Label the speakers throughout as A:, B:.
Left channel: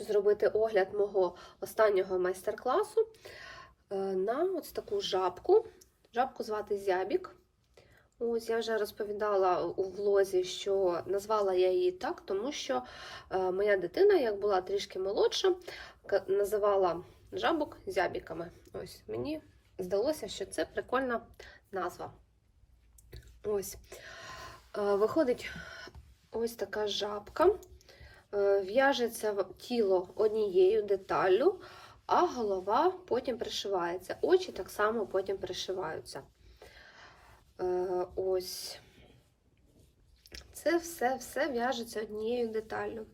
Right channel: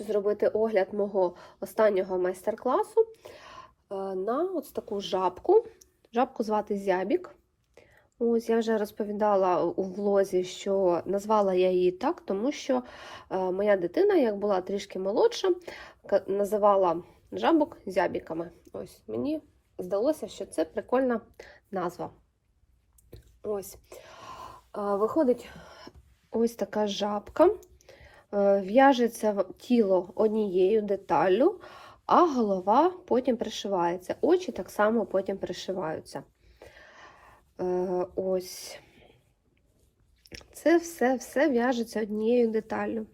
A: зробити огляд мого останнього майстер-класу е, на ось таку жабку. Жабку звати Зябік. Ось я вже розповідала у влозі, що назвала я її так, тому що е, моя дитина, як була трішки молодша, називала жабок зябіками. Ось мені здалося, що це прикольна назва. Ось. Е, Виходить ось така жабка. Е, В'яжеться тіло однією деталлю, а голова потім пришивається. Очі так само потім пришиваються. Е, Ось. Це все, все в'яжеться однією деталлю.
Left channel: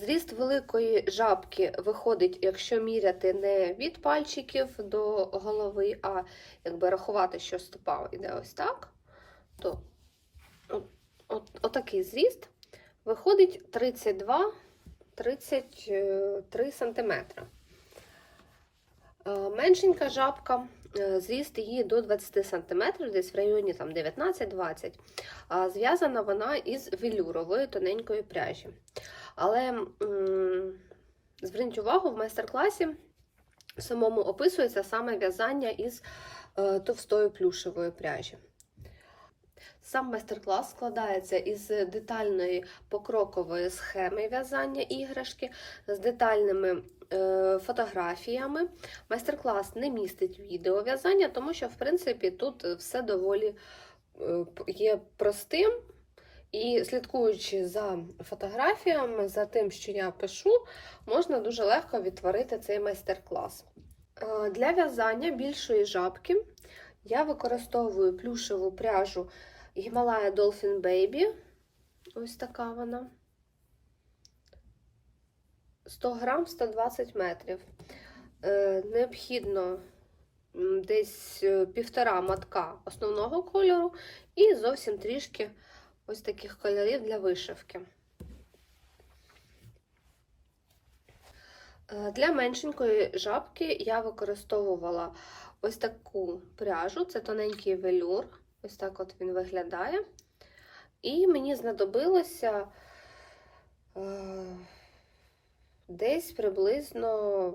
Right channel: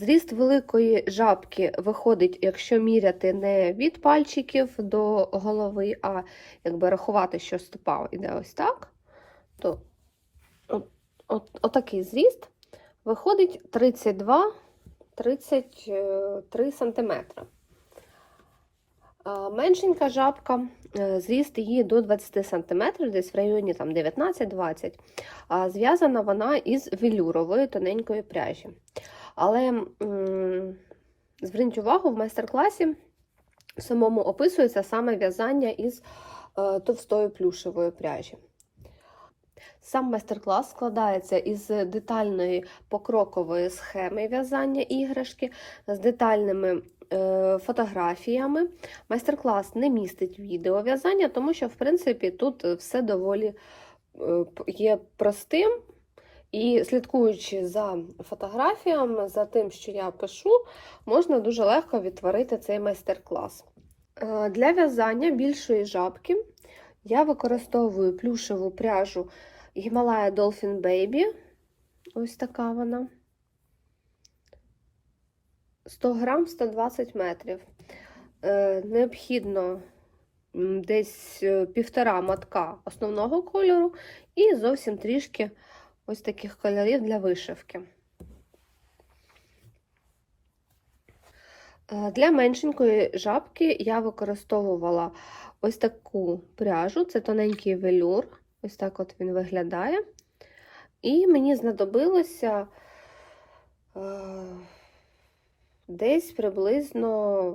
A: Зріст великої жабки виходить, якщо міряти не від пальчиків до голови, а якби рахувати, що стопа йде ось так, то от, от, отакий зріст виходить 32-33 см. Меншенька жабка, е, зріст її до 20 см, десь в районі там, 19-20 А Зв'язана вона із велюрової тоненької пряжі. Але зверніть увагу, в майстер-класі самому описується саме в'язання із е, товстої плюшевої пряжі. Сам майстер-клас складається із детальної покрокової схеми в'язання іграшки з детальними е, фотографіями. Майстер-клас не містить відео в'язання, тому що, в принципі, тут все доволі е, є простим. І слідкуючи за фотографіями, за тим, що я пишу, можна дуже легко відтворити цей майстер-клас. Е, Для в'язання більшої жабки я використовую плюшеву пряжу Himalaya Dolphin Baby. Ось така вона. 100 грам 120 метрів. Е, Необхідно десь е, півтора матка основного кольору і зовсім трішки ось таких кольорів для вишивки. Е, Для меншенької жабки я використовувала ось таку пряжу, це тоненький велюр, ось так от він виглядає. І мені знадобилося е, десь приблизно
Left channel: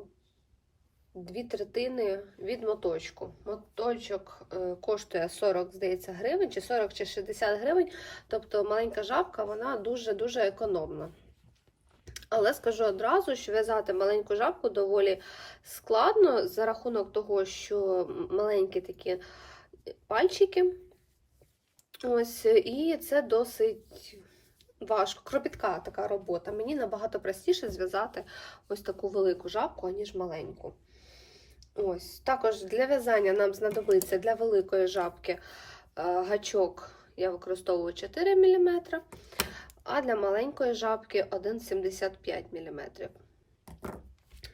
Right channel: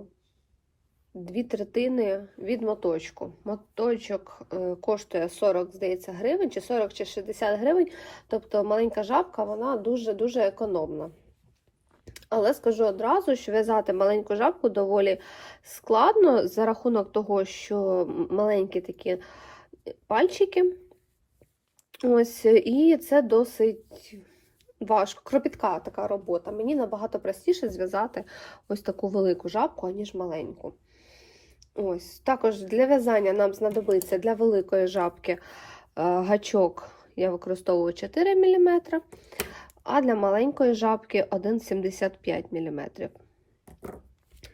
A: дві третини від моточку. Моточок е, коштує 40, здається, гривень, чи 40 чи 60 гривень. Тобто маленька жабка, вона дуже-дуже економна. Але скажу одразу, що в'язати маленьку жабку доволі складно за рахунок того, що маленькі такі пальчики. Ось, і це досить важко. Кропітка така робота. Мені набагато простіше зв'язати ось таку велику жабку, аніж маленьку. Ось, також для в'язання нам знадобиться для великої жабки е, гачок, я використовую 4 мм, а для маленької жабки 1,75 мм.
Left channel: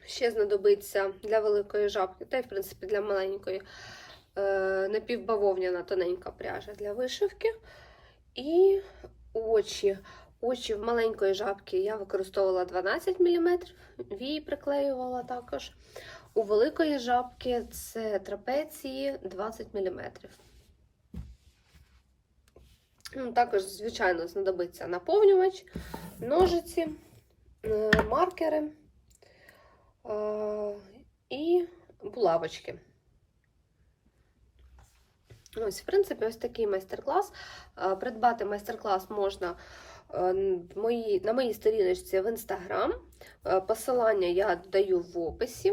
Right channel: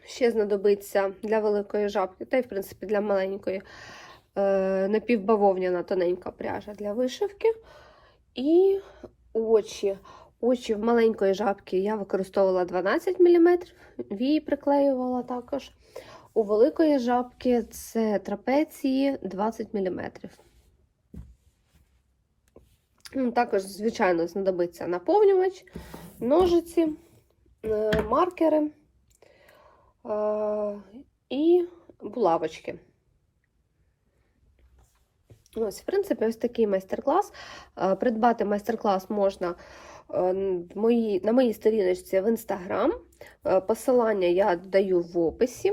A: Ще знадобиться для великої жабки, та й, в принципі, для маленької напівбавовняна тоненька пряжа для вишивки. І очі. Очі в маленької жабки я використовувала 12 мм, вії приклеювала також. У великої жабки це трапеції 20 мм. Ну, Також, звичайно, знадобиться наповнювач, ножиці, е, маркери е, і булавочки. Ось, в принципі, ось такий майстер-клас. Е, Придбати майстер-клас можна е, на моїй сторіночці в Instagram. Е, Посилання я даю в описі.